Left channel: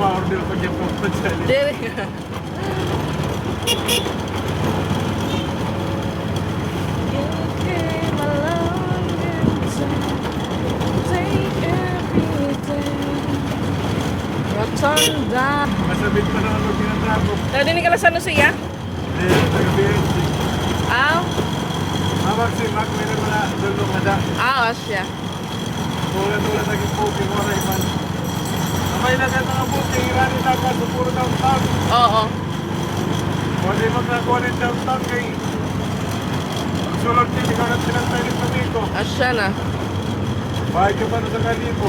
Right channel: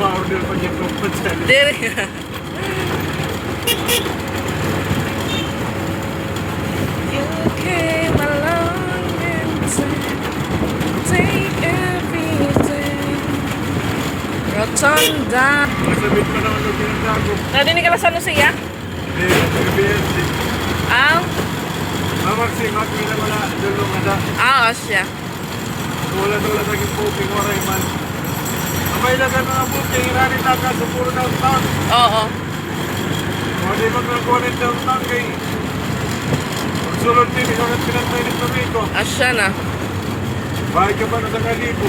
ma-order pa dyan kung dyan. Dere. You came along and said, take everything. Rotunda. Masabit pa naman yung pinagdago. Nadinig ka lang sa Lucia? Eh, nagabihan din. Ah? Mamarsi, magmila mo na, dulo nga na. Ah, siya. Wala naging puting waray man. Abay lang ang mga puting, irani na ka sa puro downtown. Oo. O di maglakuha ng downtown kay sunod din, isang pinantay ng Domingo. Asya na. Bahay ka ba na sa Kalibo?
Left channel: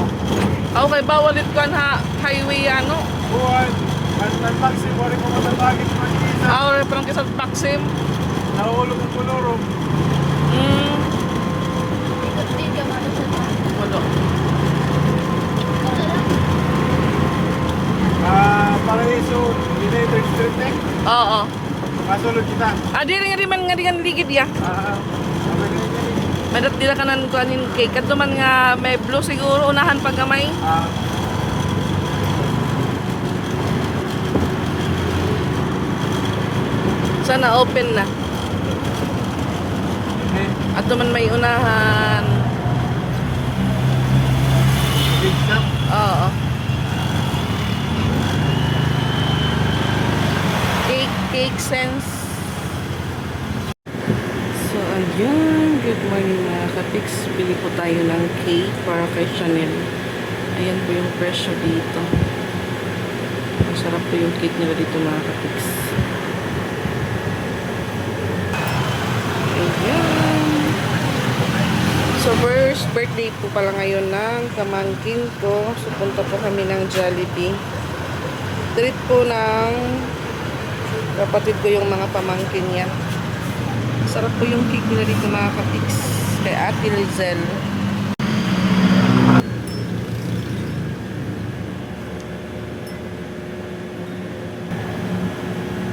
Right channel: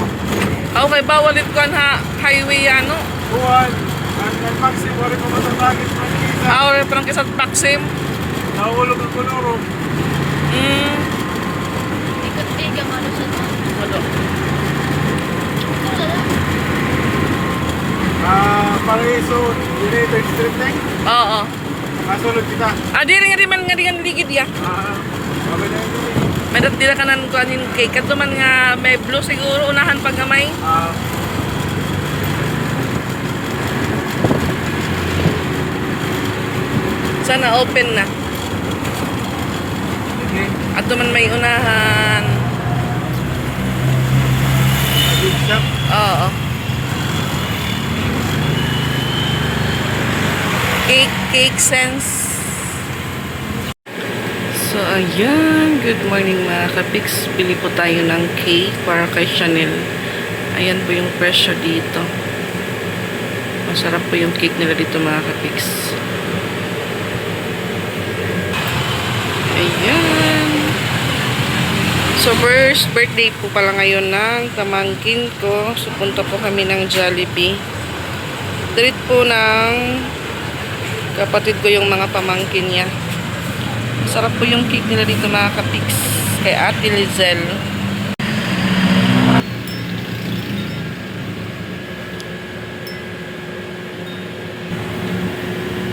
Okay, bawalit ko na highway ano? Buwan, ang maxim, wala pa matatagit ng kita. Ah, okay, parang kisat Maxim. Nahulog ang kuluro. Ikot-ikot ano siya. Walo. Paraiso, United Street eh. Oo. Kasulog kita. Ah, di rin nga di ligid ya. Kami na yun. May dila kanan ko anin cake. Kadto man nga may blue siguro unahan pag gamay. Sana open na. Okay. Adto man may unahan. Big shop. Oo. Cake sense. So ayan, good morning mga kapiks. Bili po tayo ng cake para kay Chanel. Ayan po yung presyo dito. Masarap po yung cake nila dito mga kapiks. Ayan. So first birthday po pala ngayon ng pamangkin ko. So punta po kami ng Jollibee. Treat po ng kapatid ko yung mga pamangkin niya. Sarap po yung cake nila dito mga kapiks. Kay Ate Lizelle.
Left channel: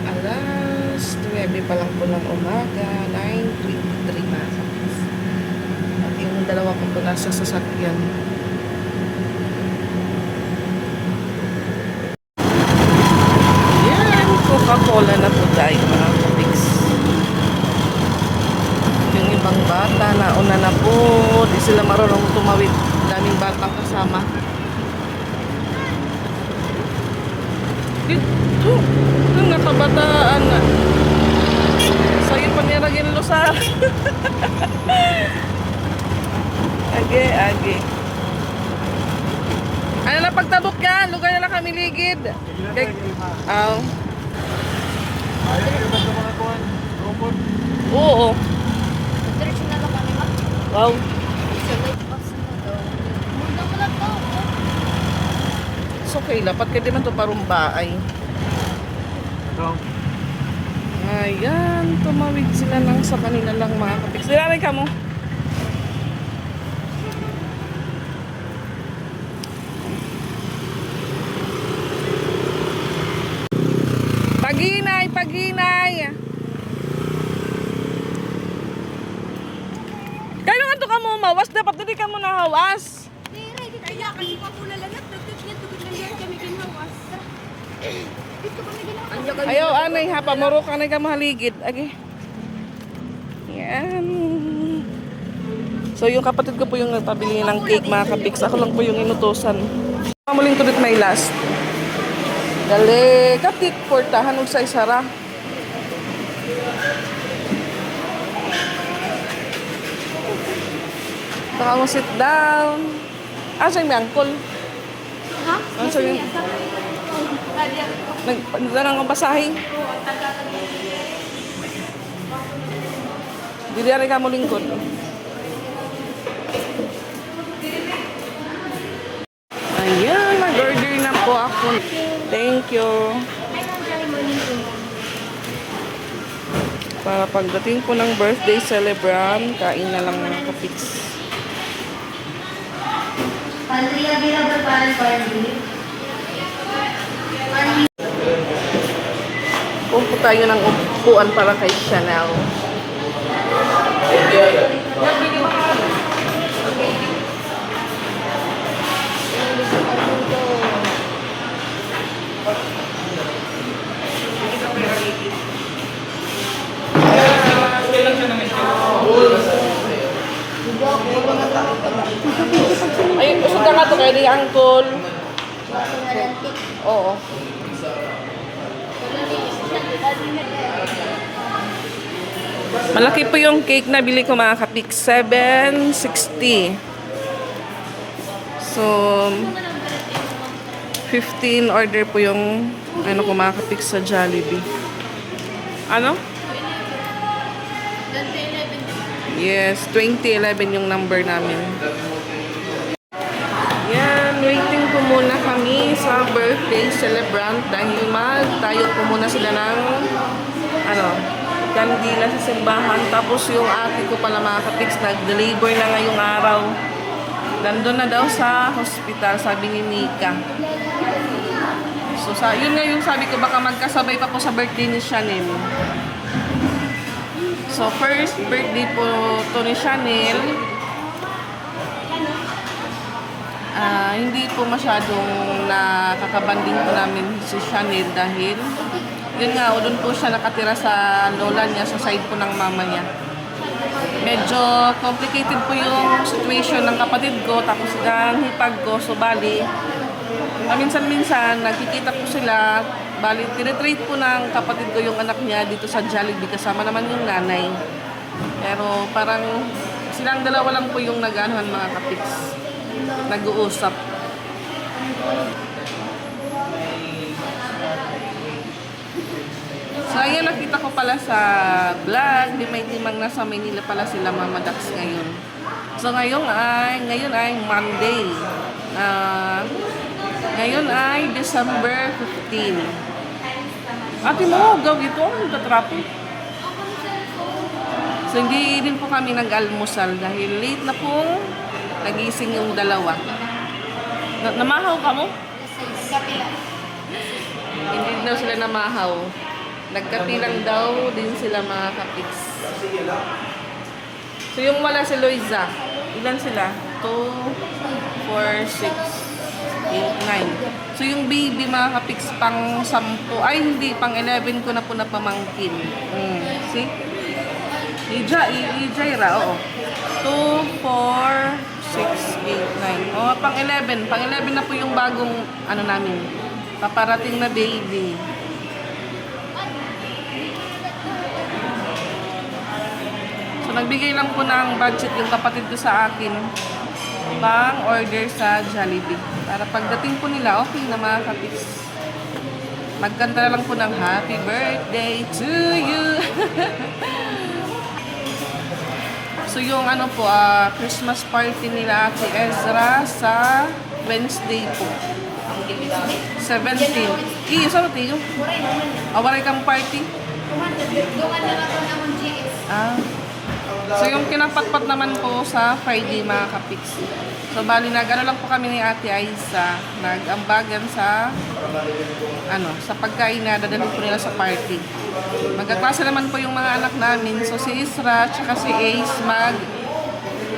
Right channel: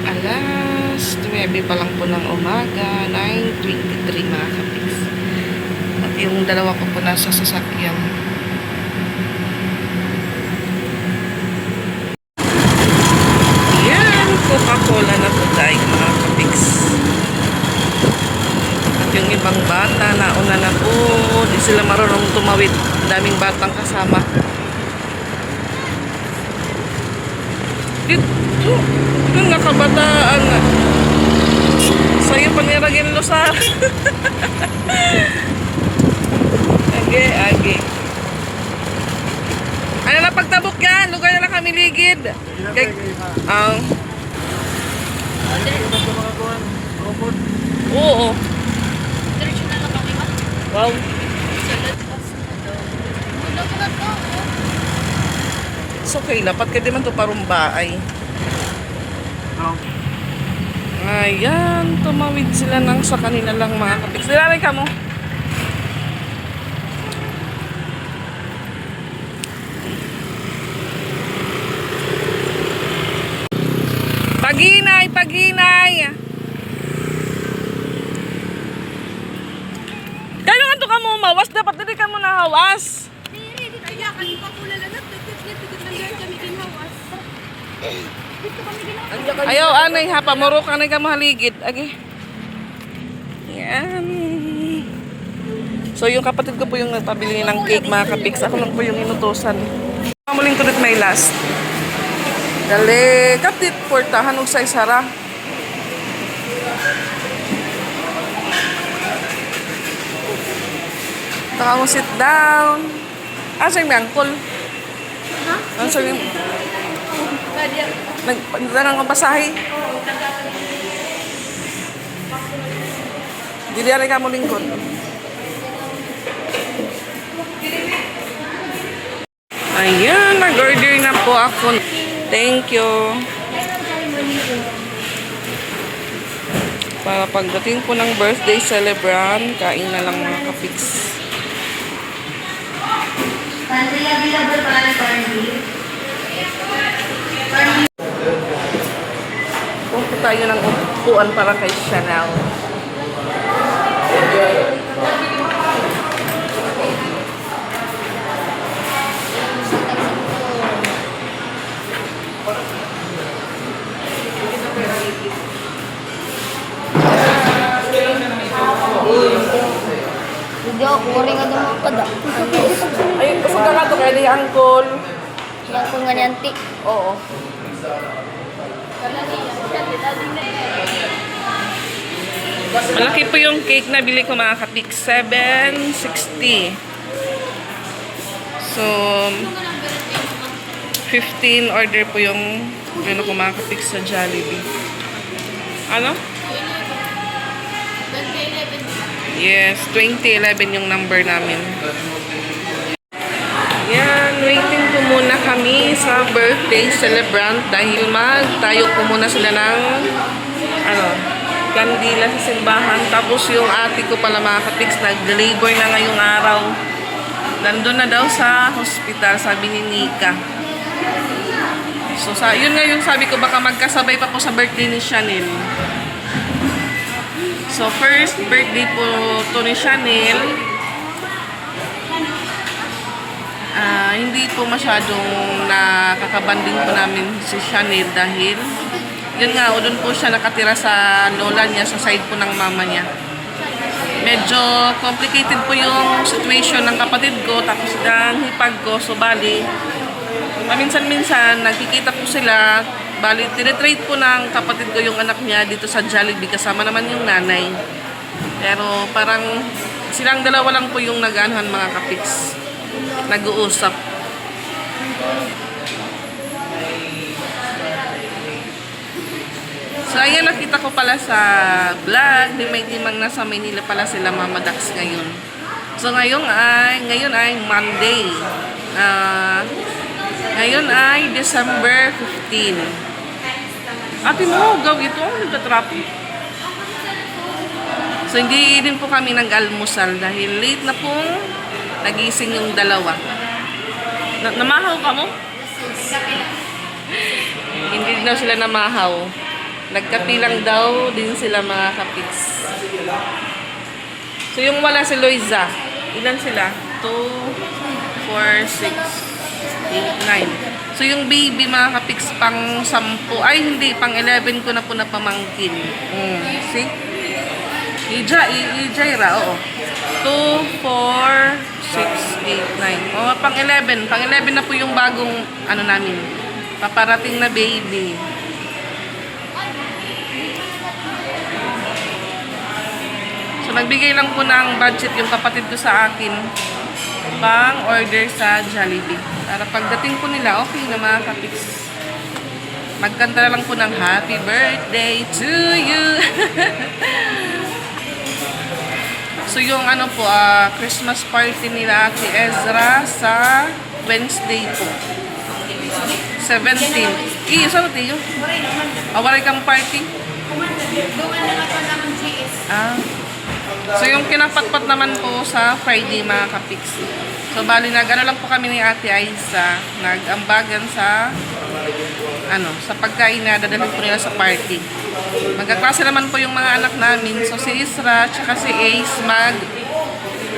Alas 9 pa lang po ng umaga. 9:23 mga kapiks. At yung dalawa ko po nasa sasakyan. Yan. Coca-Cola na po tayo mga kapiks. Yung ibang bata, nauna na po. Di sila marunong tumawid. Daming batang kasama. Dito. Yung nakabataan. Sa'yo paniragin lo sa... Age. Ano na pagtabok ka? Lugar na lang kami ligid. Oo. Diretso na lang kami. Wow. Salad pas na daw. Muna ko na to. It's okay. Lapat ka di man to parumbaay. Ayan. Tumawid sila ng sa kanila lang mga kapiks. Dilalay ka mo. Paginay. Kaya nga to ka mo mawas. Dapat hindi ka mo nahawas. Dire, dito ya kasi pa pula lang at tugot lang yan kami ginhawas. Dito kami ginhawas. Ayaw, anay ha. Pamuro ka na ka mahaligid. Agi. Yan. So, yung kapatid ko po yung nagpabili ng cake, mga kapiks. Ako lang po yung inutosan. Mamuling to may last. Dali. Kapit, portahan og sa isara. Taka mo sit down. Asa yung uncle? Ha? Asa yung... Nagdarang kang pasahe. Dili ari ka mo lingkod. Ayan, nag-order na po ako. Thank you. Para pagdating po ng birthday celebrant, kain na lang mga kapiks. Pupo tayo ng upuan para kay Chanel. pwede angkol. Ako nga niyan, tik. Oo. Wala niya. Siya, dati na Malaki po yung cake na bili ko mga kapik. 760. So, 15 order po yung ano ko mga kapik sa Jollibee. Ano? Yes, 2011 yung number namin. Yan, waiting po muna kami sa birthday celebrant dahil magtayo po muna sila ng ano, kandila sa simbahan. Tapos yung ate ko pala mga kapiks, nag-labor na ngayong araw. Nandun na daw sa hospital, sabi ni Nika. So, yun nga yung sabi ko, baka magkasabay pa po sa birthday ni Chanel. So, first birthday po to ni Chanel. Hindi po masyadong nakakabanding po namin si Chanel dahil yun nga, doon po siya nakatira sa lola niya, sa side po ng mama niya. Medyo complicated po yung situation ng kapatid ko, tapos ng hipag ko. So, bali, paminsan-minsan, nagkikita po sila. Bali, tinitrade po ng kapatid ko yung anak niya dito sa Jollibee, kasama naman yung nanay. Pero parang silang dalawa lang po yung nag-anuhan mga kapiks. Nag-uusap. So, ayan, nakita ko pala sa vlog, dimang nasa Manila pala sila Mama Dax ngayon. So, ngayon ay Monday. Ngayon ay December 15. Ate mo, gaw ito, nagtatrapik. So, hindi din po kami nag-almusal dahil late na pong nagising yung dalawa. Namahaw ka mo? Hindi daw sila namahaw. Nagkapilang daw din sila mga kapiks. So, yung wala si Loiza, ilan sila? 2, 4, 6, 8, 9. So, yung baby mga kapiks pang 10. Ay, hindi. Pang 11 ko na po napamangkin. See? Ijaira, oo. 2, 4, 6, 8, 9. Oh, pang 11. Pang 11 na po yung bagong, ano namin, paparating na baby. So, nagbigay lang po ng budget yung kapatid ko sa akin pang order sa Jollibee. Para pagdating po nila, okay na mga kapiks. Magkanta lang po ng happy birthday to you. So, yung ano po, Christmas party nila Ate Ezra sa Wednesday po. 17. Saan natin yun? Awaray kang party? So, yung kinapatpat naman po sa Friday mga kapiks. So, bali nag-ano lang po kami ni Ate Aiza, nag-ambagan sa sa pagkain na dadalhin po nila sa party. Magkaklase naman po yung mga anak namin. So, si Isra, tsaka si Ace,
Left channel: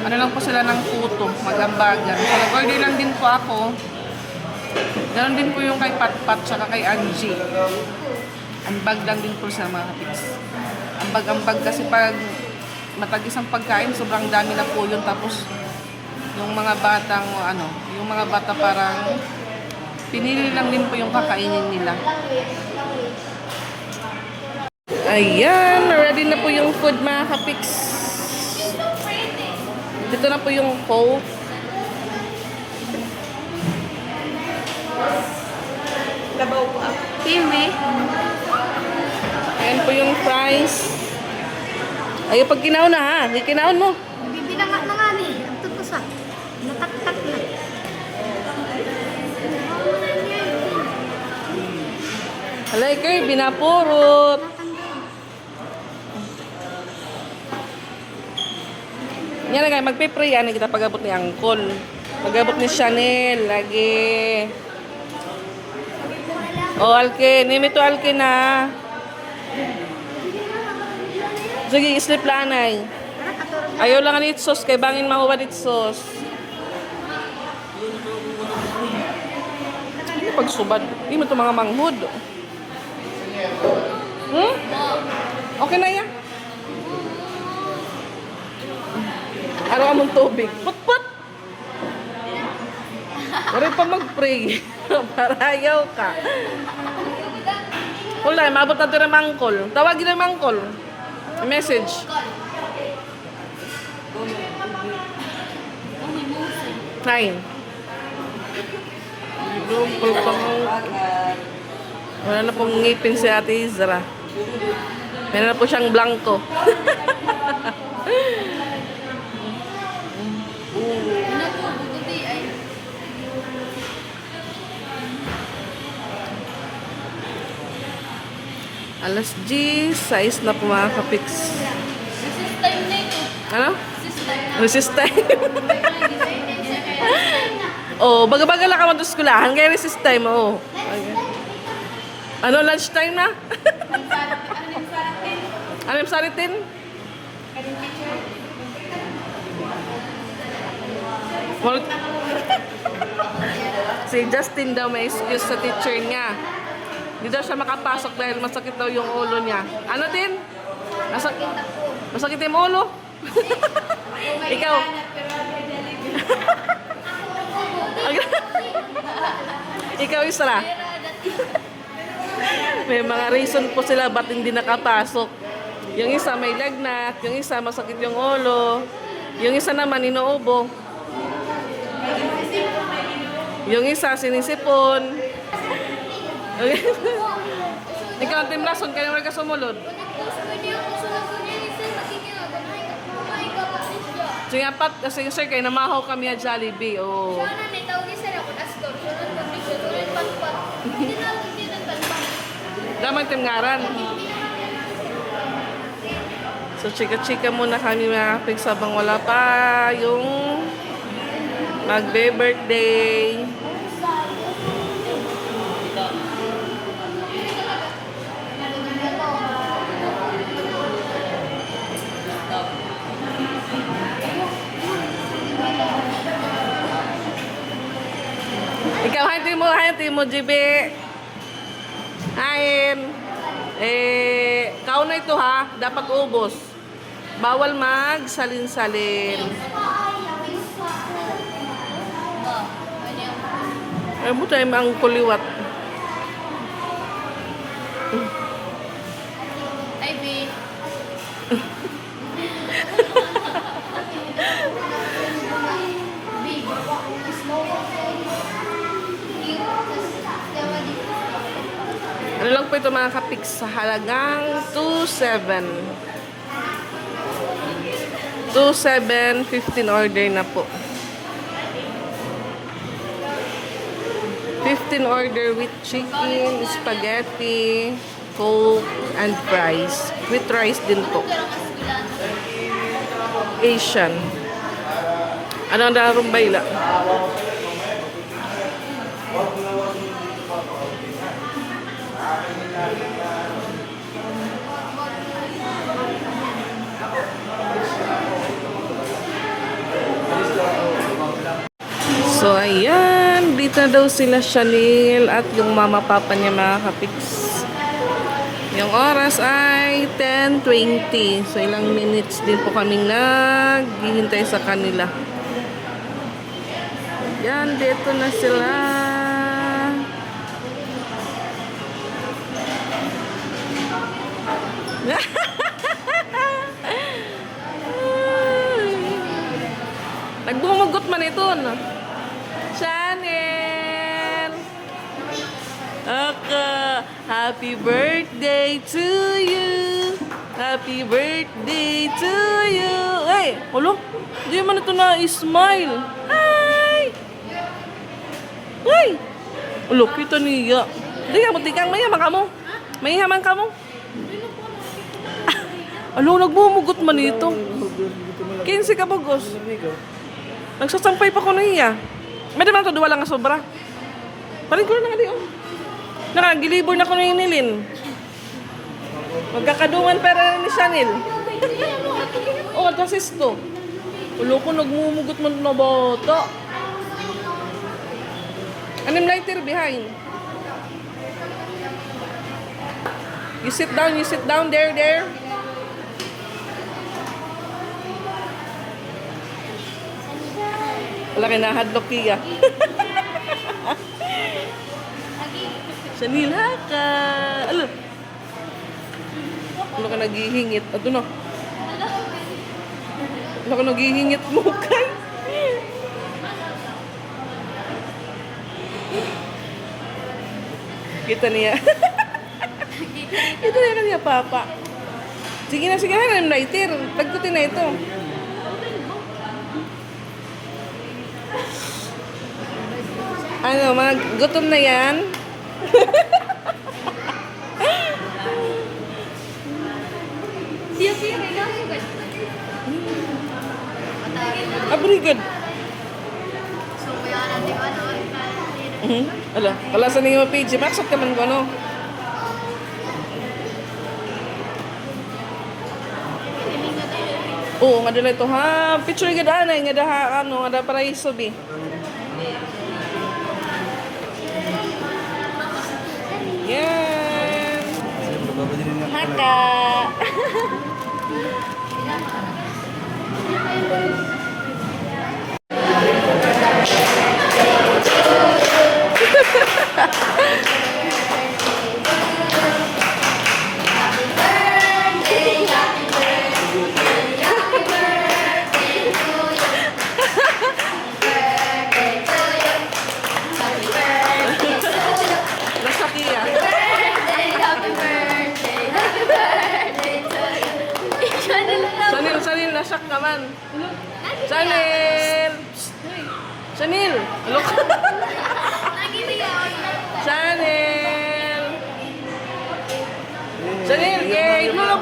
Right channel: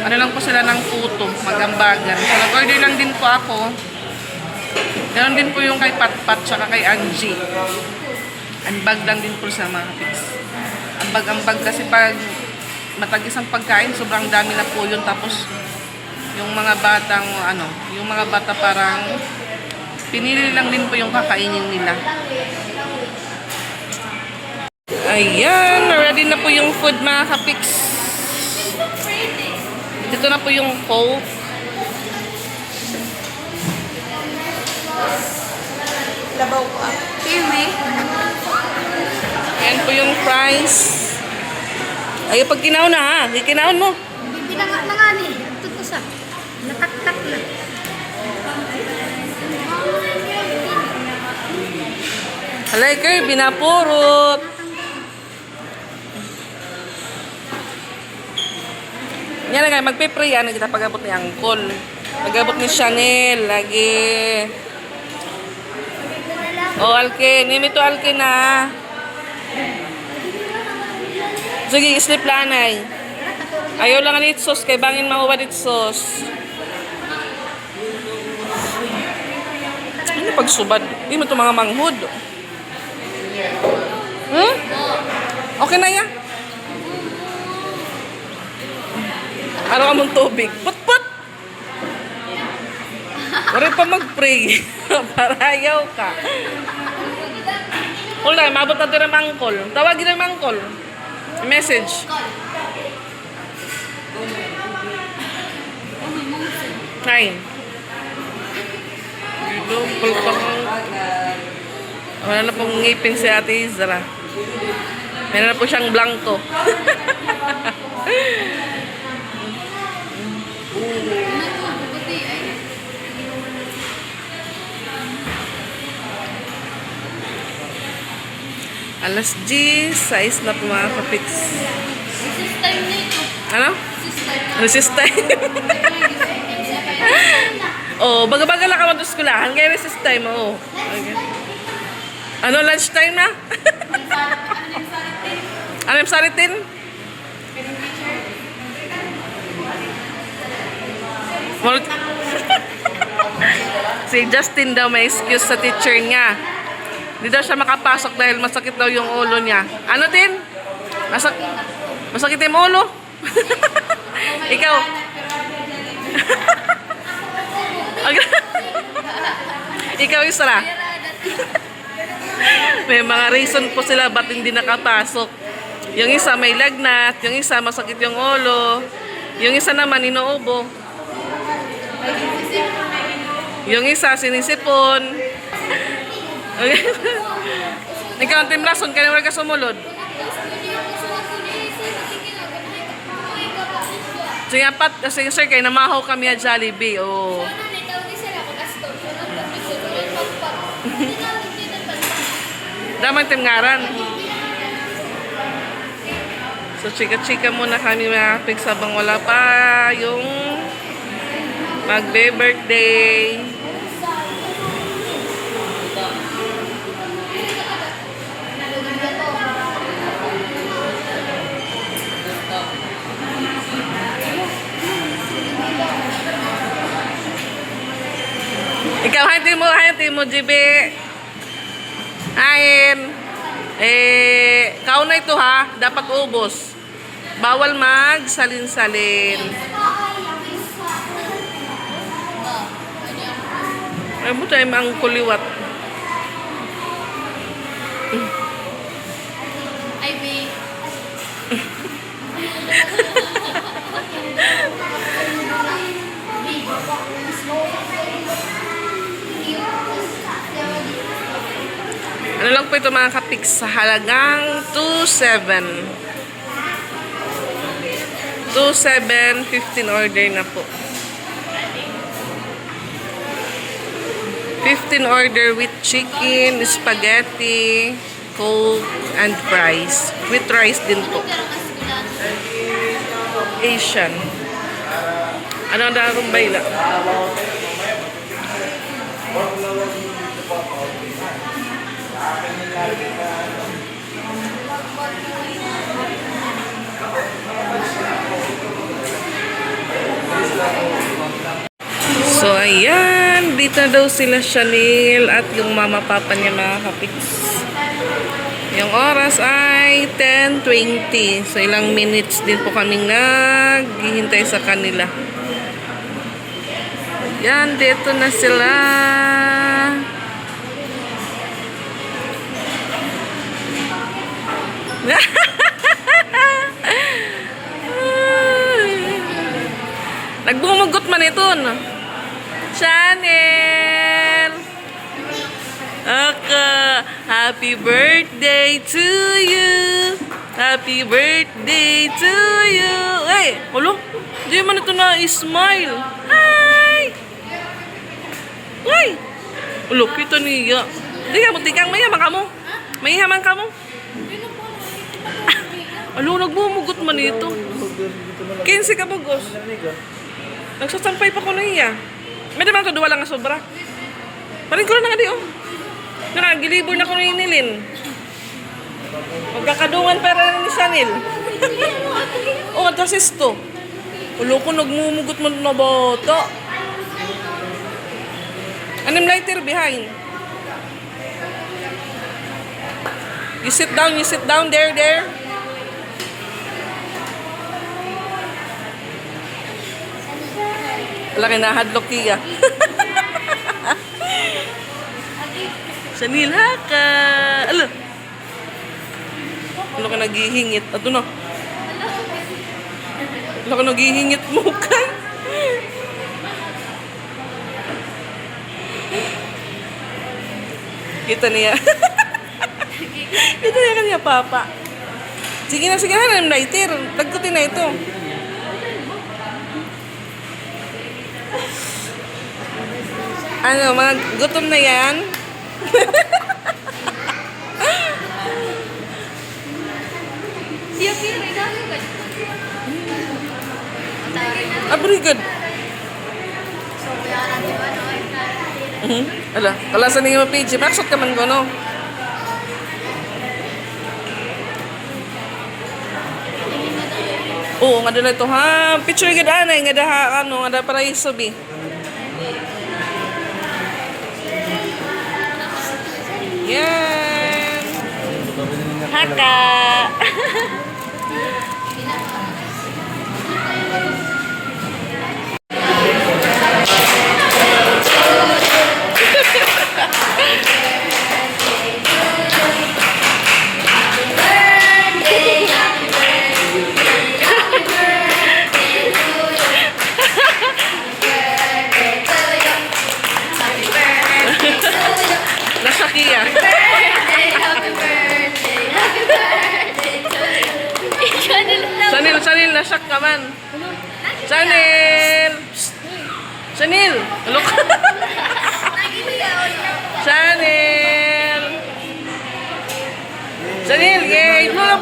ano lang po sila ng puto, mag-ambagan. So, nag-order lang din po ako. Ganon din po yung kay Patpat, tsaka kay Angie. Ambag lang din po sa mga kapiks. Ambag-ambag kasi pag matagis ang pagkain, sobrang dami na po yun. Tapos, yung mga batang, yung mga bata parang pinili lang din po yung kakainin nila. Ayan, ready na po yung food mga kapiks. Dito na po yung Coke. Labaw ko. Pili. Ayan po yung fries. Ayaw pag kinaon na ha. Kinaon mo. Hindi na nga ni. Tutusa. Nataktak na. Halay kayo, binapurot. Yan na kayo, magpe-pray. Ano kita pag-abot ni Angkol. Pag-abot ni Chanel. Lagi. Oh, Alken. Nimi to Alken na. Sige, sleep lanay. Ayaw lang ang itsos. Kay bangin mahuwan itsos. Ano pagsubad? Hindi mo ito mga manghud. Okay na yan. Araw ka mong tubig. Put-put! Wala pa mag-pray. Para ayaw ka. Wala, mabot na ito ng mangkol. Tawagin ng mangkol. Message. Nine. Ito, pulpang. Wala na pong ngipin si Ate Izra. Meron na po siyang blanco. Alas 10, 6 na po mga kapiks. Recess time na ito. Ano? Recess time. Resist time. Oh, baga-baga lang ka man sa skulahan. Kaya resist time, oh. Okay. Ano, lunch time na? Ano yung saritin? Si Justin daw may excuse sa teacher niya. Hindi daw siya makapasok dahil masakit daw yung ulo niya. Ano, Tin? Masakit yung ulo? Ikaw? Ikaw, Isra? May mga reason po sila ba't hindi nakapasok. Yung isa may lagnat, yung isa masakit yung ulo, yung isa naman inuubo. Yung isa sinisipon. Ikaw ang Team Rason, kaya wala ka sumulod. Sige, apat, kasi sir, kayo namahaw kami at Jollibee. Oh. Damang timngaran. So, chika-chika muna kami mga pigs habang wala pa yung magbe-birthday. Ikaw, hanti mo, GB. Hain. Kauna ito ha, dapat ubos. Bawal mag-salin-salin. Ay mo tayo ang kuliwat. Ay, babe. Ano lang po ito mga kapiks sa halagang 2.7. 2.7, 15 order na po. 15 order with chicken, spaghetti, coke, and fries. With rice din po. Asian. Ano ang darong bayla? So, ayan. Dito na daw sila Chanel at yung mama-papa niya mga kapiks. Yung oras ay 10:20. So, ilang minutes din po kaming naghihintay sa kanila. Yan, dito na sila. Nagbumugot man ito, no? Chanel! Okay. Happy birthday to you! Happy birthday to you! Hey! Ulo? Di man ito na-smile. Hi! Uy! Ulo, kita niya. Di ka mo, tikang mayaman ka mo. Mayaman ka mo. Alo, nagbumugot man ito. 15 ka bugos. Nagsasampay pa ko niya. May naman ito, duwa lang nga sobra. Parin ko na nga di, oh. Nakagilibor na ko na inilin. Magkakadungan pera ni Chanel. Oh, tasis to. Ulo ko, nagmumugot mo na bata. Anim lighter behind. You sit down, there. Wala kayo nahadlok tiya. Sanil, haka. Ala. Ano ka naghihingit? Ato na. Ano ka naghihingit mo kay? Kita niya. Kita niya kanya papa. Sige na, lighter. Tagkutin na ito. Ano, mga gutom na yan? Very good. Ala, kalasan niyo page. Maksot ka man ko, no? Oo, nga dala ito, ha? Picture ka daan, nga daha, ano, nga da para isobi. Yan. Haka. Nasakiya. Sanil, nasak ka man. Sanil! Psst. Sanil! Look. Sanil! Sanil, yay! Blow!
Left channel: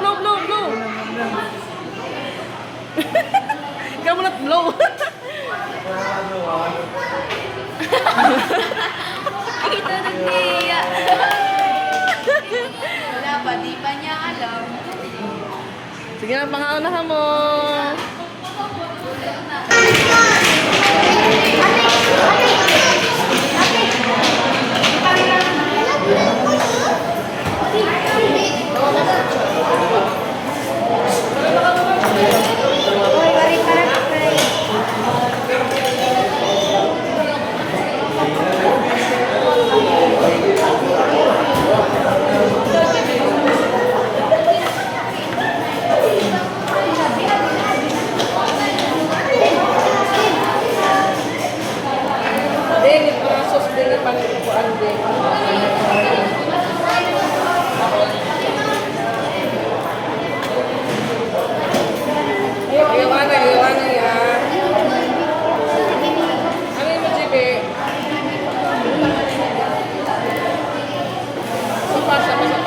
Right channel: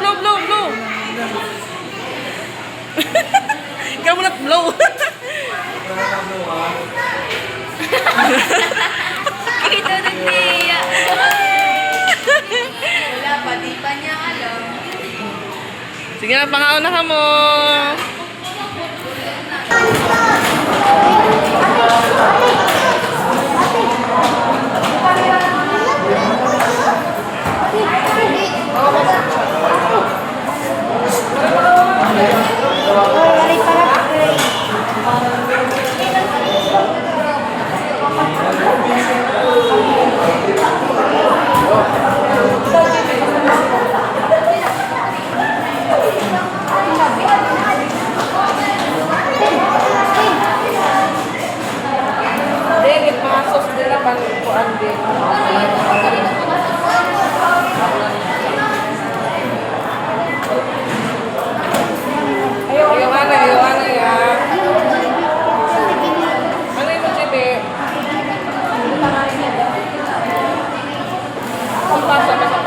Ikaw mo na blow. Ito na niya. Wala pa, di pa niya alam. Sige na, pangauna ka mo. Hindi, pasok din na pangkuan din. Ayaw na yan. Ano yung magibe?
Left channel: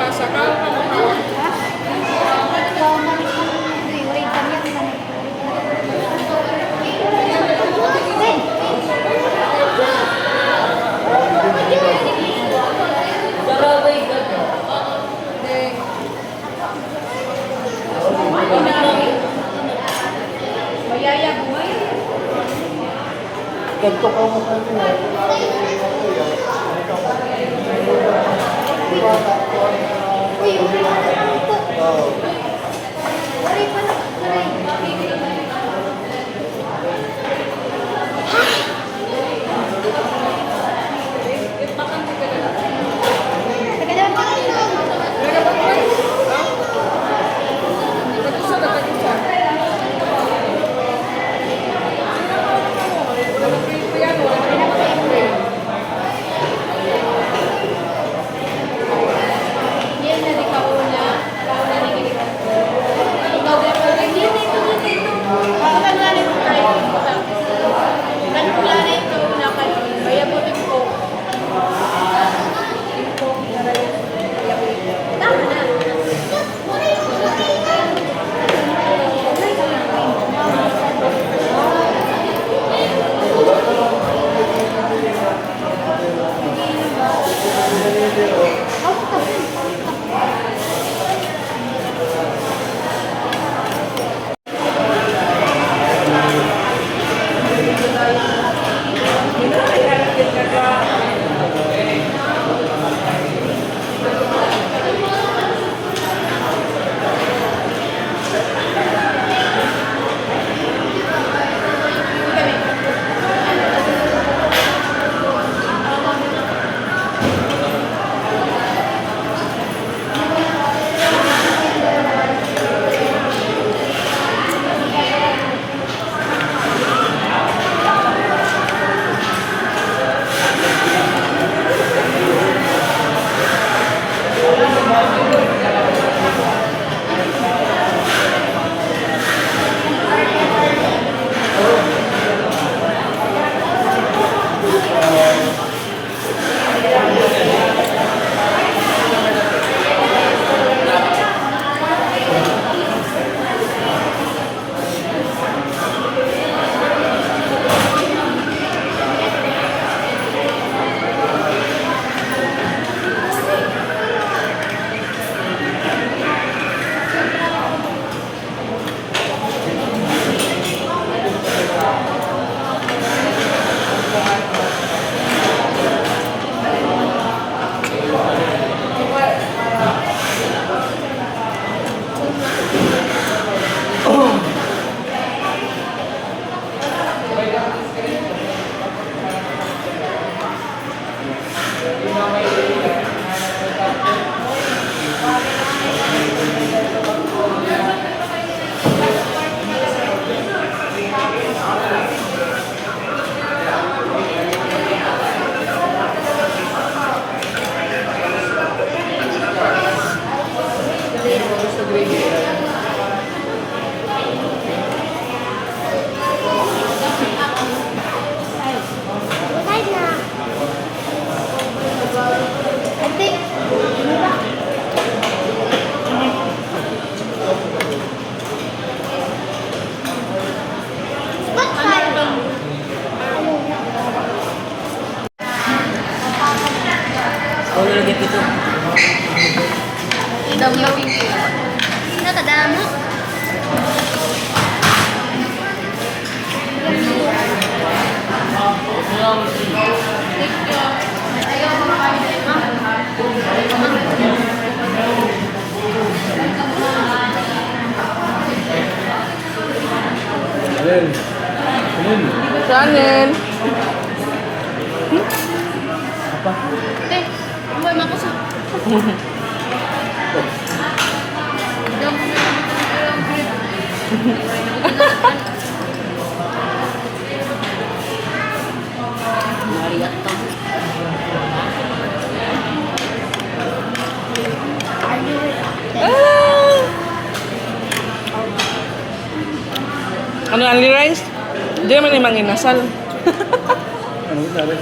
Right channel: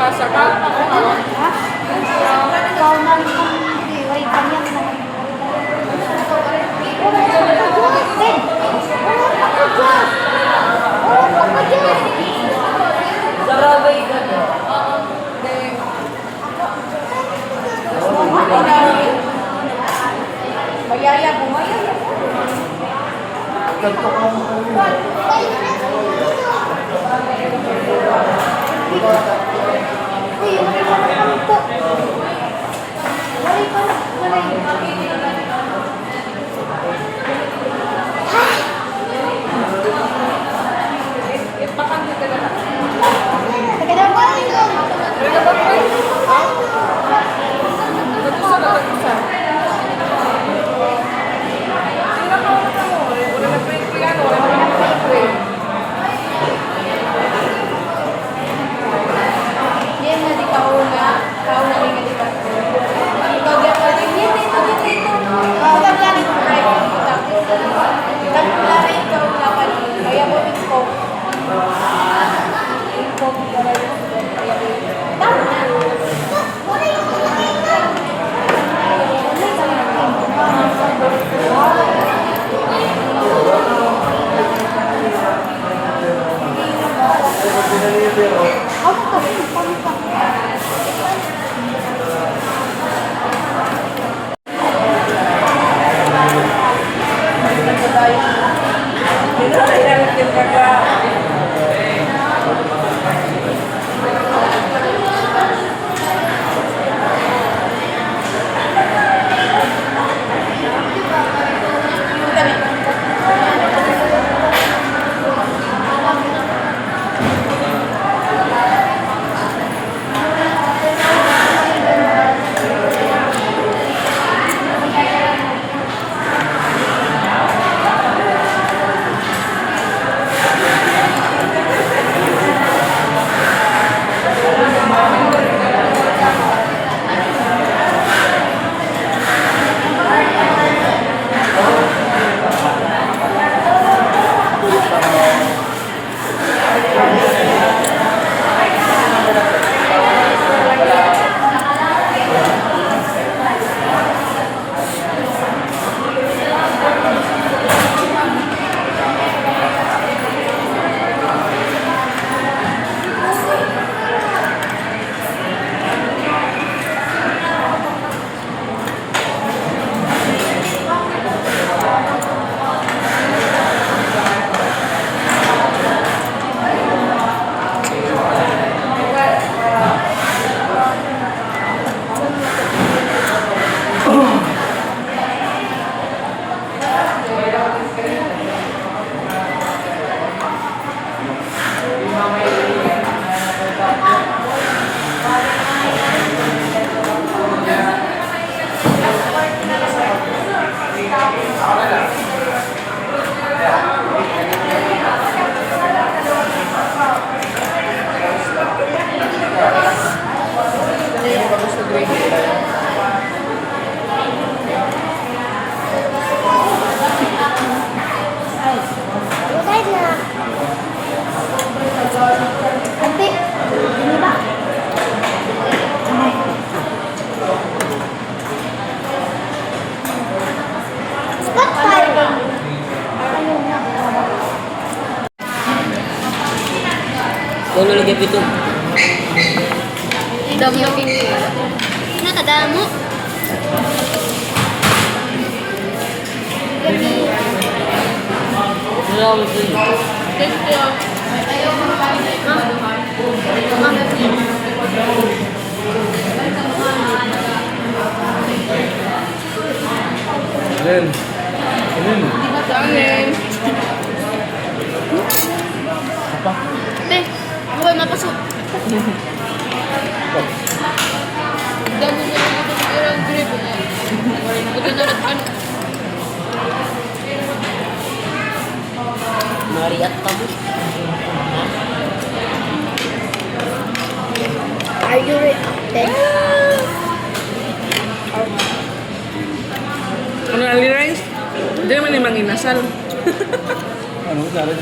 Pasa ka? Sarabay ka doon. Mayaya, bumayaya. Ganto ka mo kami. Uy, wala pa na ito. Wala pa na. Kung nilagay ito. Damo lagi. Nakadamo. Ayan. Ayan. Kanin. Apa? Teh, buhay mapasok. Damo na lang ito sa irang grip. Mariat ka mo. Are you ready? Ano, only rice? Hindi naman yung manginasal. Ano natin?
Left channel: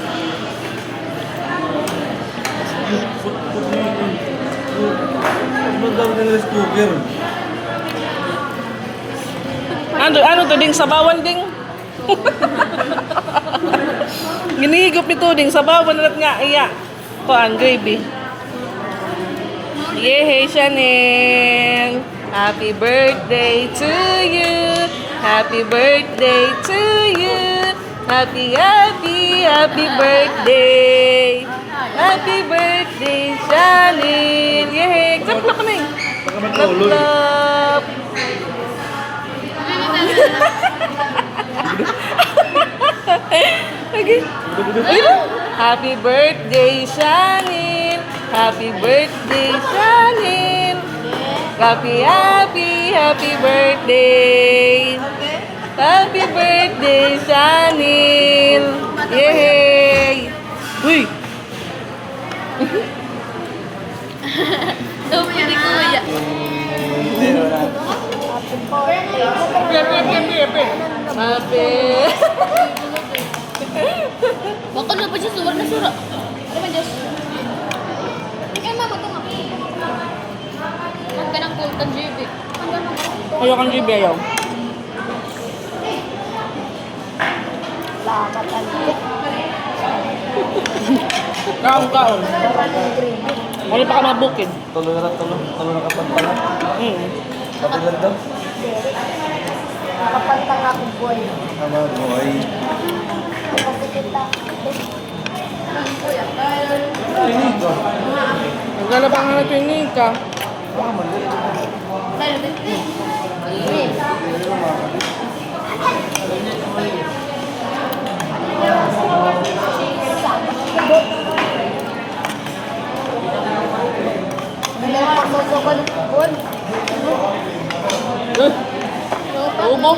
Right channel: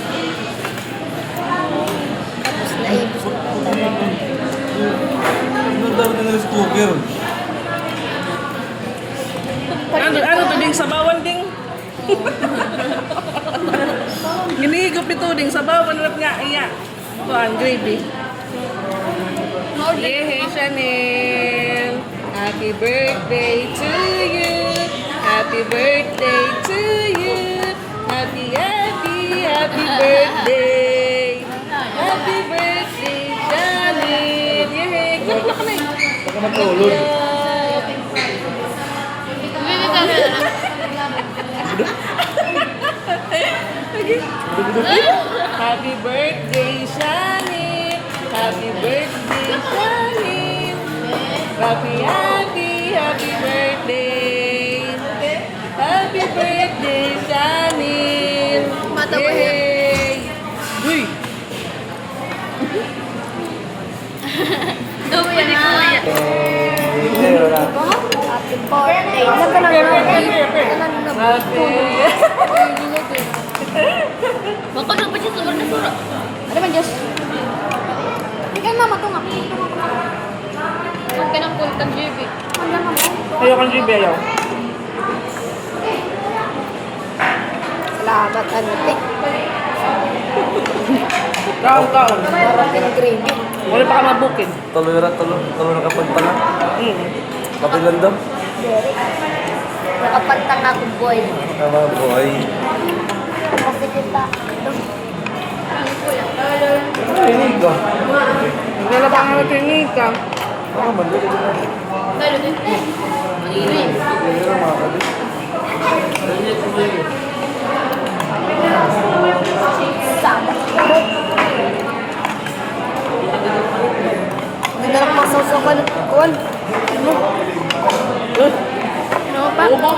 Ano dapat ng rice cooker? Ano to, ding sabawan, ding? Ginihigop ito, ding sabawan ulit nga, iya. O, ang gravy. Yay, Chanel! Happy birthday to you! Happy birthday to you! Happy birthday! Happy birthday, Chanel! Yay! Clap na kami! Baka matulog. Clap! Okay. Happy birthday, Chanel! Happy birthday, Chanel! Happy birthday! Happy birthday, Chanel! Yay! Uy! Damo yan ni Kuya. Wala. Happy! Baka na pa siya surat na surat. Ano man, Diyos? Ay, mama, ito nga. Huwag ka ng kultan, JB. Ayaw kang GB, ayaw. Salamat, ante. Kaon. Gravy. Wala pa ka mabukin. Tuloy na kapag pala. Hmm. Papilan daw. Nakapantang ako, boy. Tama boy. Ayun ka. Wala pa nga napinig ka. Baka mandali ka na. Lalo, ante. Gravy. Ayun na mga kabit. Madalang pasusukol. Kuwan. Ano pa? Ubo.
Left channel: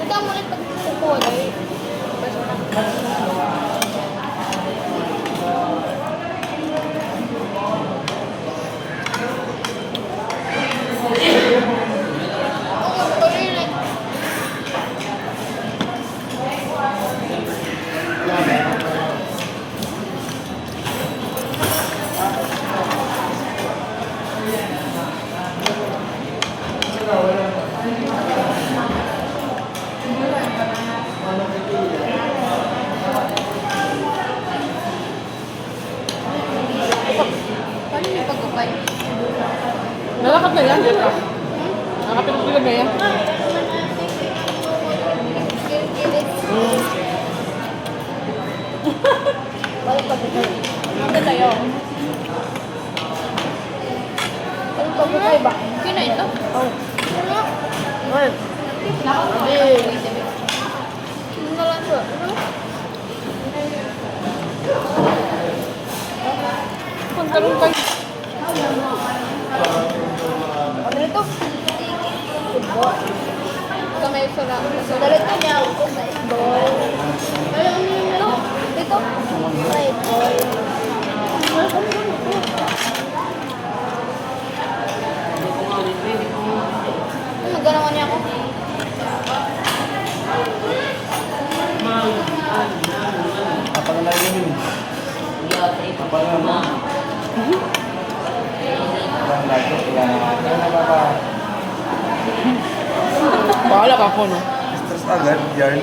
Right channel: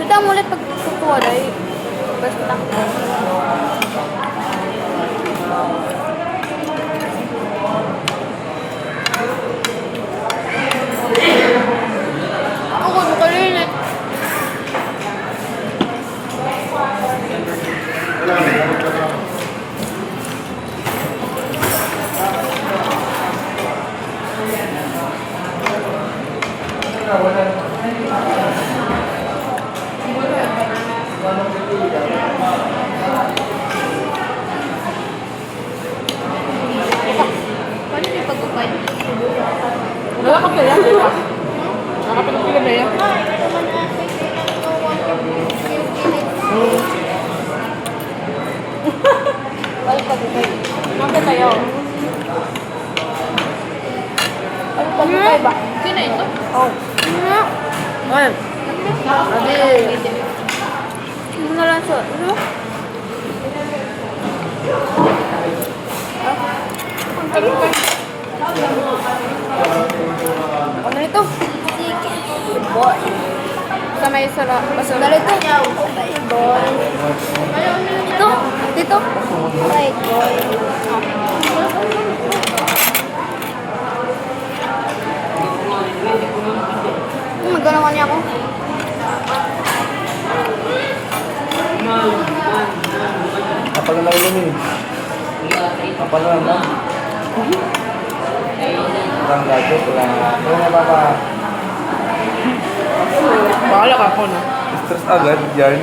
Ito ang ulit pagkukuha na eh. First lang. Ako, kalilit. Paano yung pagkukay? Wala ka pala. Nakapilipila na yan. Ang tayo. Ang pagkukay ba? Kina ito? Oo. Well, Ano na lang so? Ano? Dito. Boy. Kamay sa lo. Dito. Boy. Ayaw dito. Dito. Right. Magkano niya ako? Kapal na lang yun eh. Kapal na lang mo. Walang ladyo, walang... Ano na ba bahala ka po, no? Stress agad, yan.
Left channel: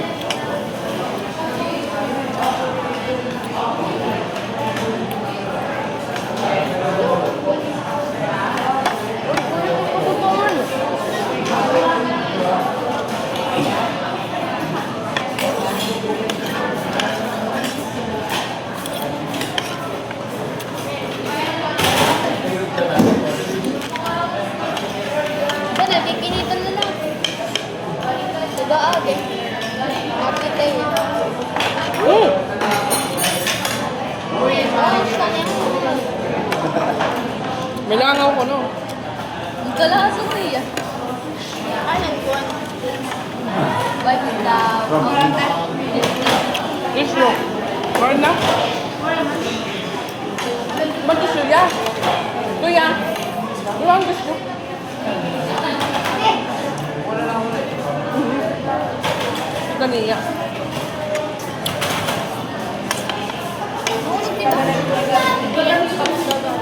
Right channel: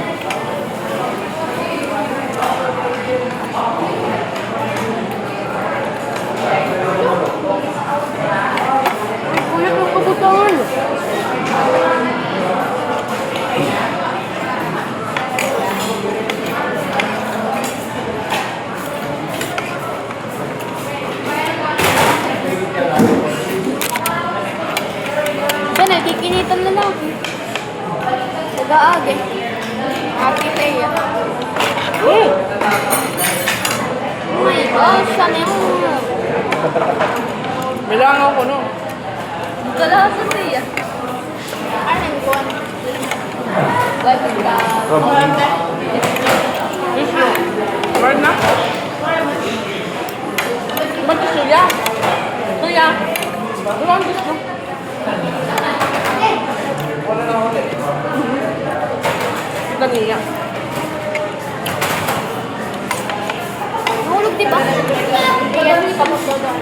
Tissue. Wala na? Ba't tissue ya? Kuya. Wala ang tissue. Kaniya. Hulog, di ba? Ayan, tapos dodo.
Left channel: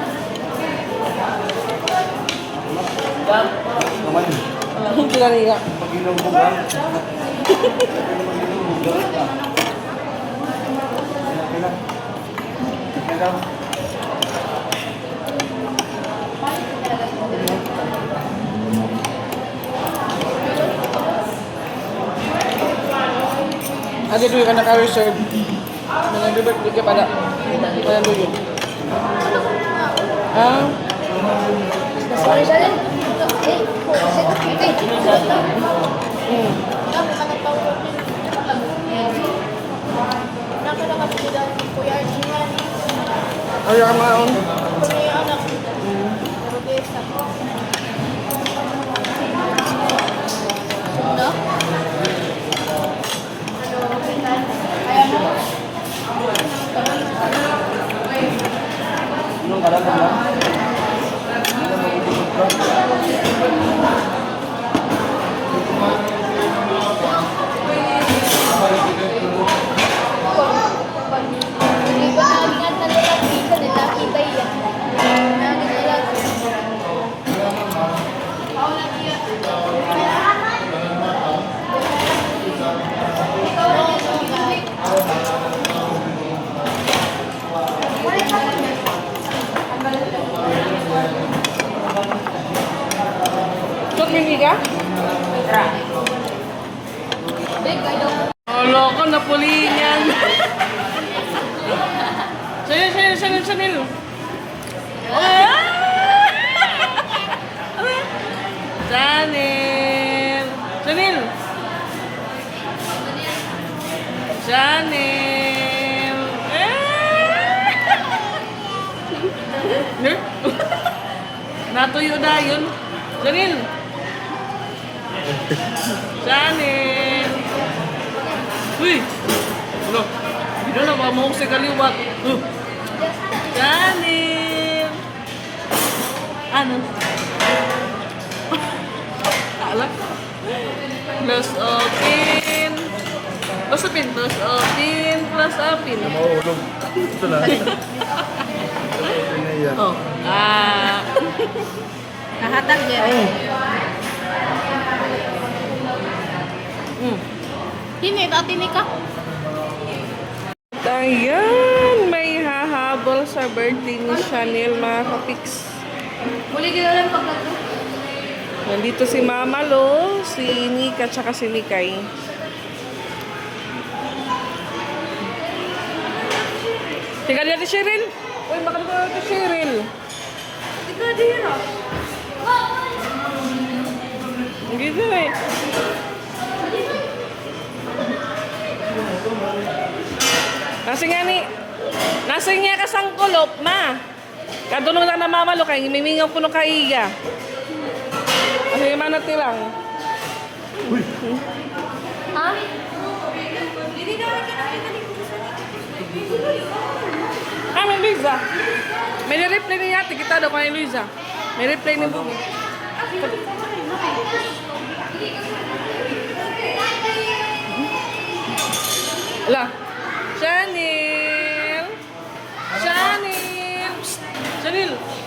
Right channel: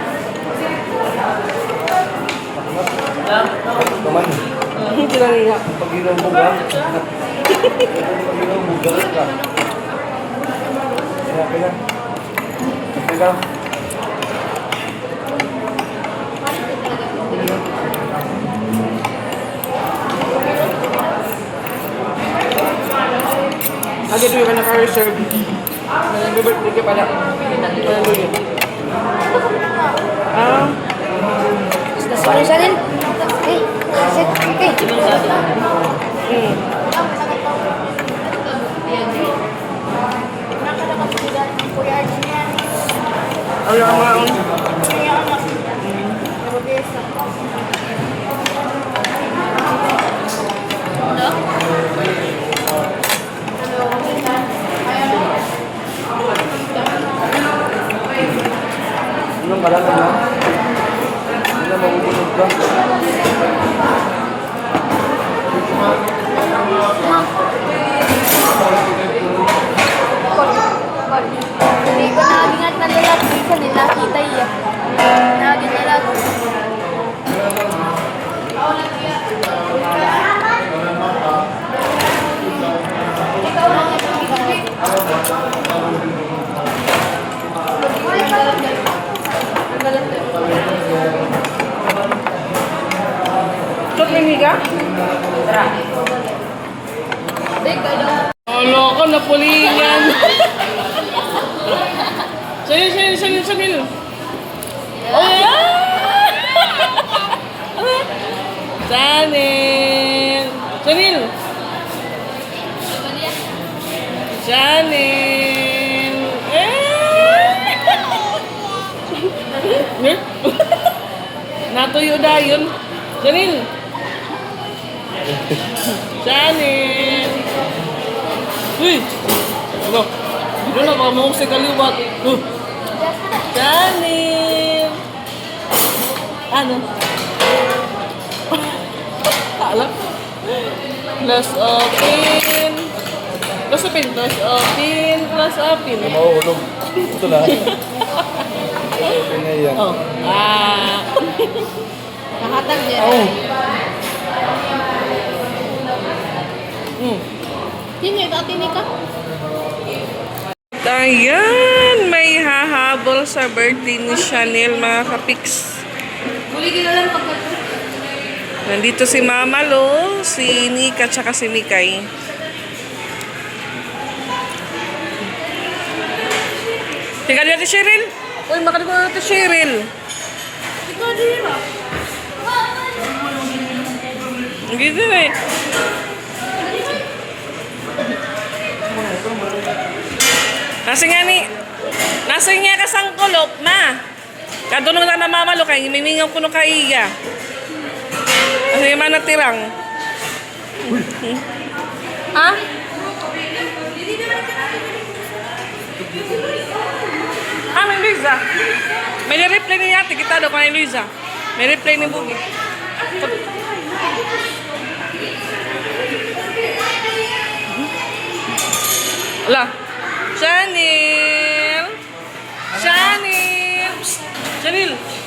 Naman. Kaniya. Pag inumbog ka. Pag inumbog, galit ka. Kaya. Kaya. Agad doon ka naka-reserve. Nag-birthday ka pala. Walang doon. Ah? Sorry, Shanel. Hey, sit. Hey. Ayaw nga. Inom ka lang naman. Hindi na mabubulog ka. Hindi ko nalingat na nila. Hindi ko nila kita iya. Nagin nila. Shot mini ka? Alo ko, napulingan. Sanil. Oh, Sanil. Natuyo na yun. Sanil. Uy! Ano? Dito na, baka mahong sa kaliwat. Chanel! Ano? Kala? Plus open. Plus open. Mahulog. Ito na. Ito na yan. Oh. Nahatag din. Oh. Hindi, dati ni ka. Ayan, may hahabol sa birthday ni Chanel, mga kapiks. Huli ka lang pagkat. Nandito si Mama Lo, si Nika, tsaka si Mikay. Tika dito, Cheryl. Uy, makalimutan ko dito, Cheryl. Ikaw dira. Gitu eh. Nasa nga kasang kulop, ma. Kadunong na namamalo kay mimingaw ko no kaiga. Kasi man natirang. Ha? May Luisa. May reply ni ate kita daw kay Luisa. May reply ni Bugi. Ala. Chanel.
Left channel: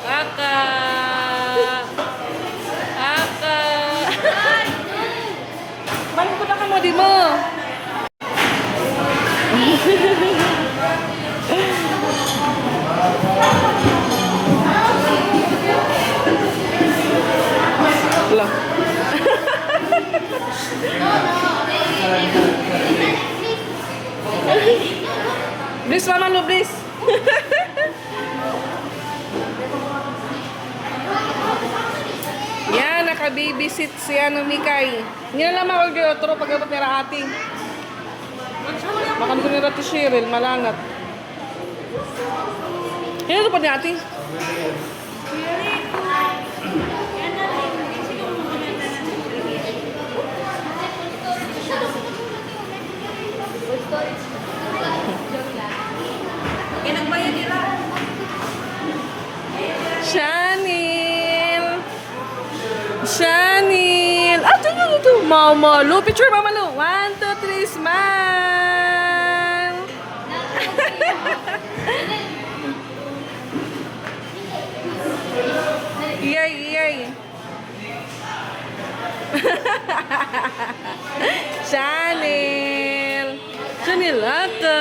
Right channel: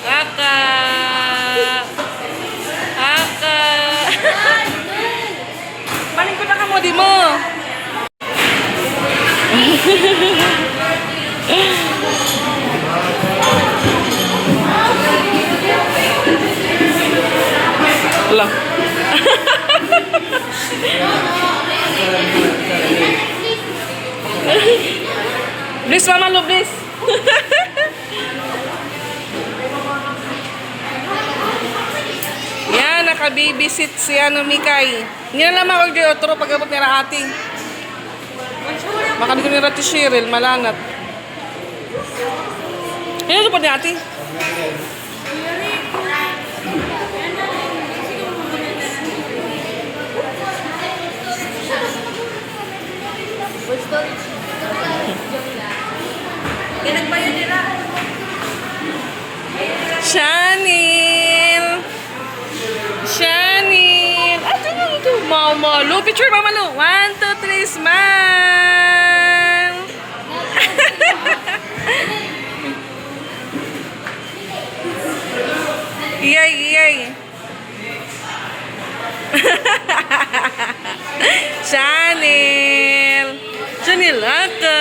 Kakak. Maling ko na ka mo, di mo. Ala. Please, Mama Lo, please. Yan, naka-babysit si Mikay. Hindi na naman ako otro pag-abot nila ate. Baka di ko nila ti Cheryl, malangat. Yan ito pa ni ate. picture, Mama Lu. 1, 2, 3, smile! Iyay, iyay. Chanel! Chanel ako!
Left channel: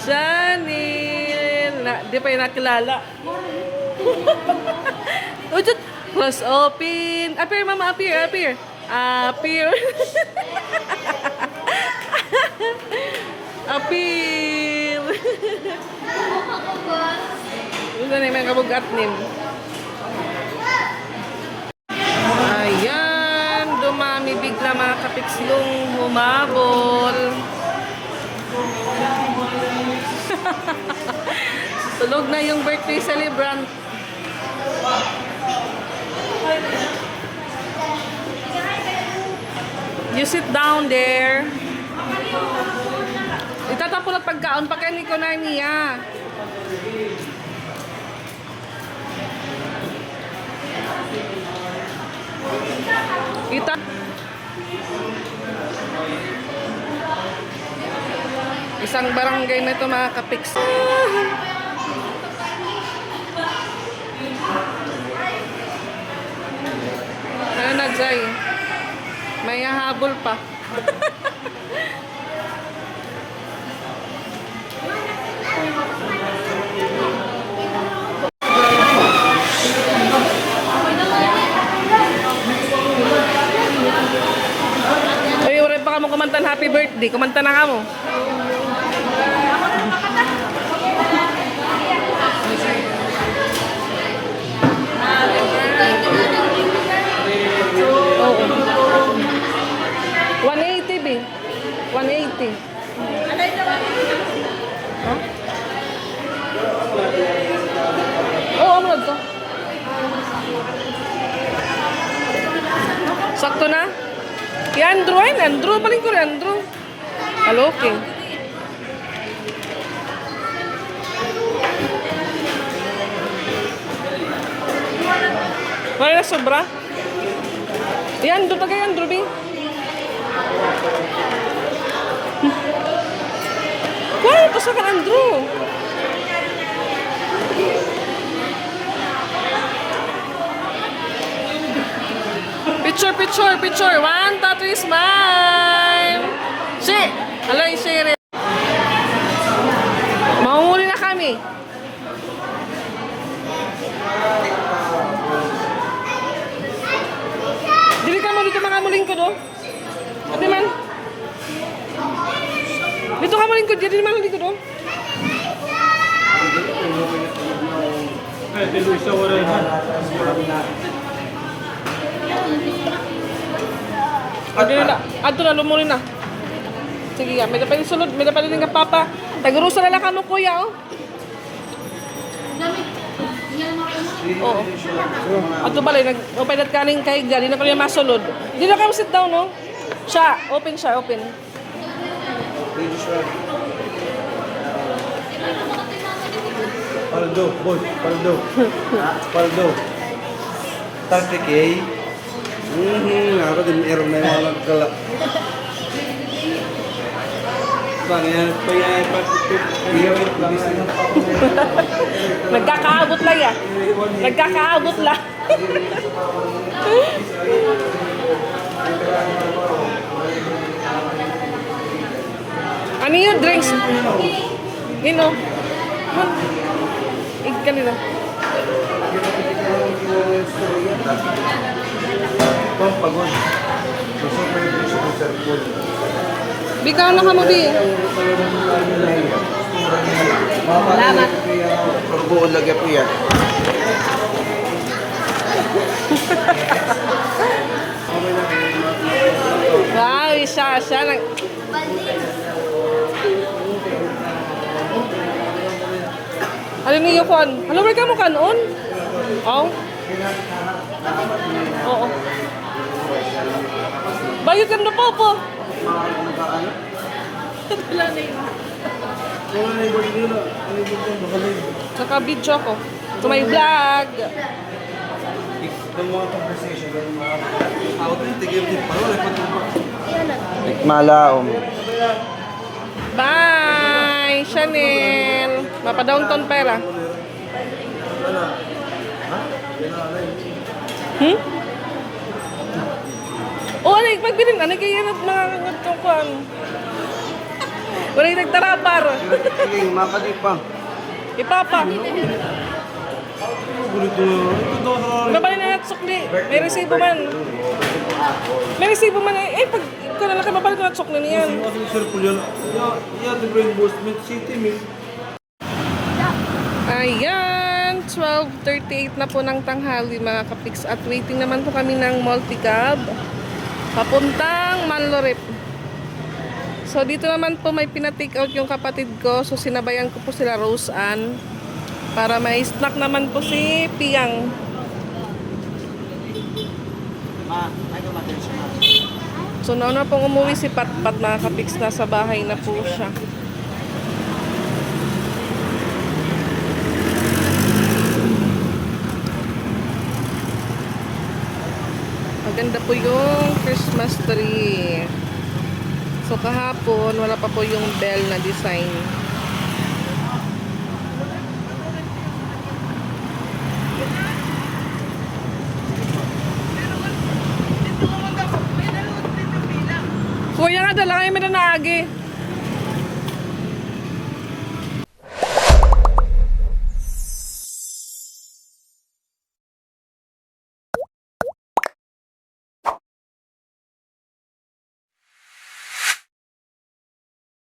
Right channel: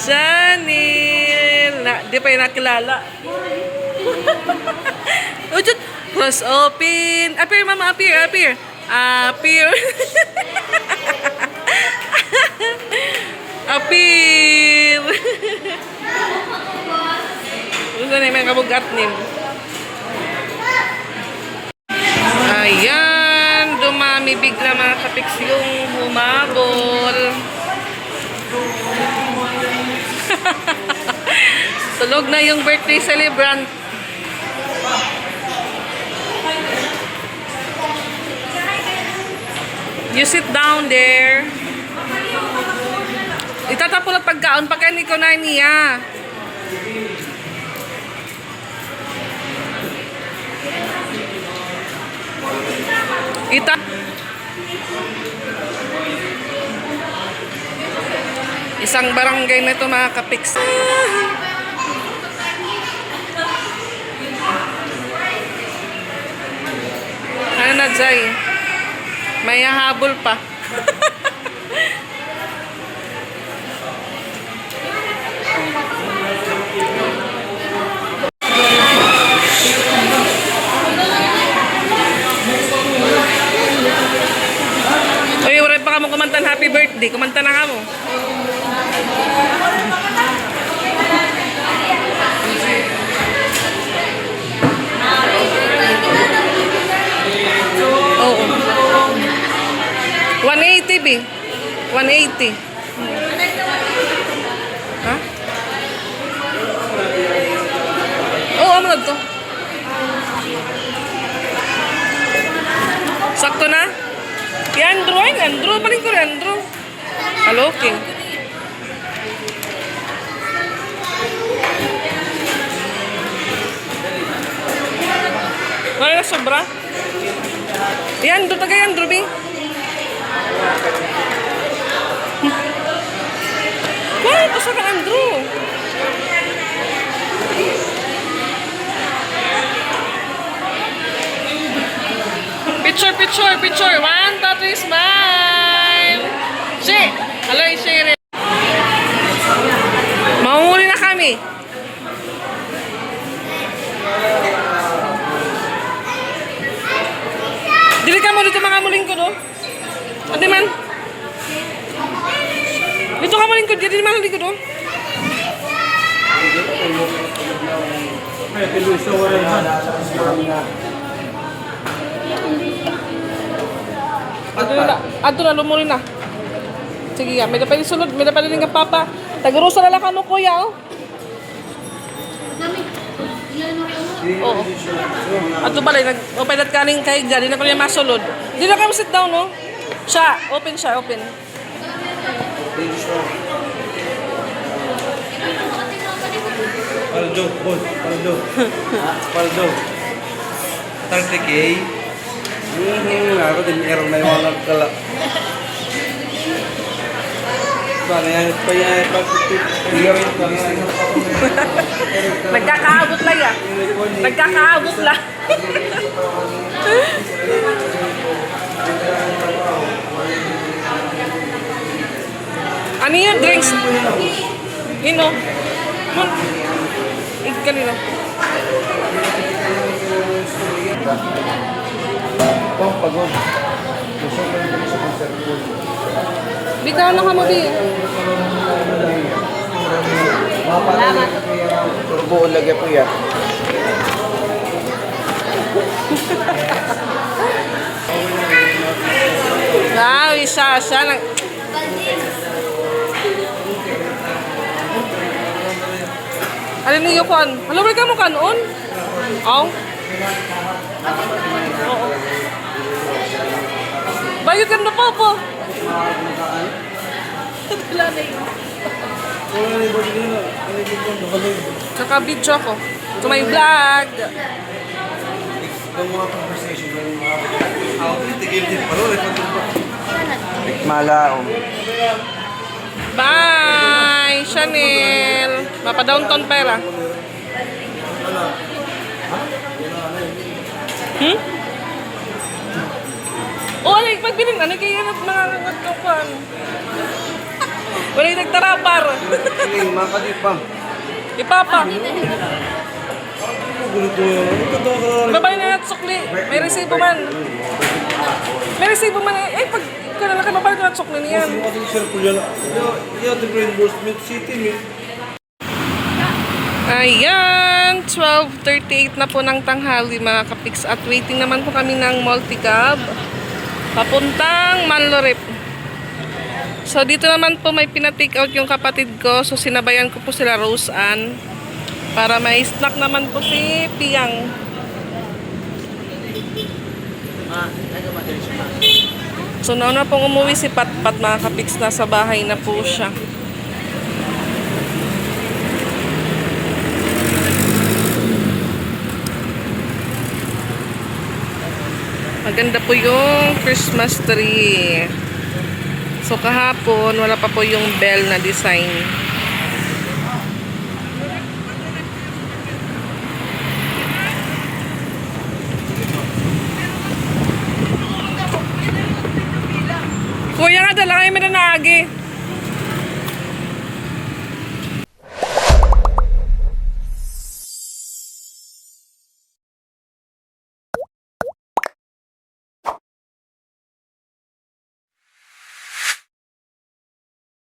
Chanel! Di pa yung nakilala. Ujut! Cross open! Appear, Mama! Appear! Appear! Appear! Appear! Gusto na yung kabugat nin. Ayan, dumami bigla mga kapiks yung humabol. Tulog na yung birthday celebrant. You sit down there. Itatapon at pagkaon pa kay Nico na niya. Isang barangay na ito mga kapiks. Ano na, Jai? May habol pa. Uy, uray pa ka mo kumantan happy birthday. Kumanta na ka mo. Oo. 180 B. 180. Ha? Oo, amunod to. Sakto na? Yan, Andrew. Ay, Andrew. Paling ko rin, Andrew. Halokin. Wala na sobra? Yan, doon tagay, Andrew, B. Wow, basta ka, Andrew. Picture, picture, picture. 1, 2, 3, smile. Si, alay, share. Maumuli na kami. Dili ka mo dito mga muling ko, no? Ate man. Dito ka muling ko, dito man muling ko, no? Ato na, lumuli na. Sige ya, may dapat sulod, may dapat din ka papa. Tagurusa na lang ka mo, kuya, oh. Oo. Ato balay, nag-open at kaning kay Gadi na ko niya masulod. Di na kayo sit down, no? Siya, open siya, open. Paldo, boss, paldo. Paldo. 30K. Ako din erong na yung mga kala. Nagkakaabot lang ya. Nagkakaabot lang. Ano yun? Drinks? Nino? Kanino? Ito, pagod. Gusto ko yung sa conservo. Bikaw na ka mo, Bi. Turbuon lagi po yan. Wow, isa nang... Ano niyo kuan? Alam mo ka mo kanon? Aw. Oo. Bayad ka na po. Tsaka video ko. To my vlog. Yung mga conversation, yung mga Malaom. Bye! Chanel! Mapa-downtown pera. Hmm? Oh, ano yung pagbilin? Ano kayo yung mga nagkakuan? Wala yung nagtarapar. Sige, makadi pa. Ipapa. Babay na natsukli. May resibo man. May resibo man. Eh, pag ikaw na lang kayo, babay ko natsukli niyan. Ayan, 12:38 na po ng tanghali mga kapiks at waiting naman po kami ng multicab papuntang Manlorep. So dito naman po may pina-take out yung kapatid ko, so sinabayan ko po sila Rose Ann para may snack naman po si Piang. So nauna pong umuwi si Patpat mga kapiks, nasa bahay na po siya. Maganda po yung Christmas tree. So kahapon, wala pa po yung bell na design. Kuya nga, dala kayo may nanaagi.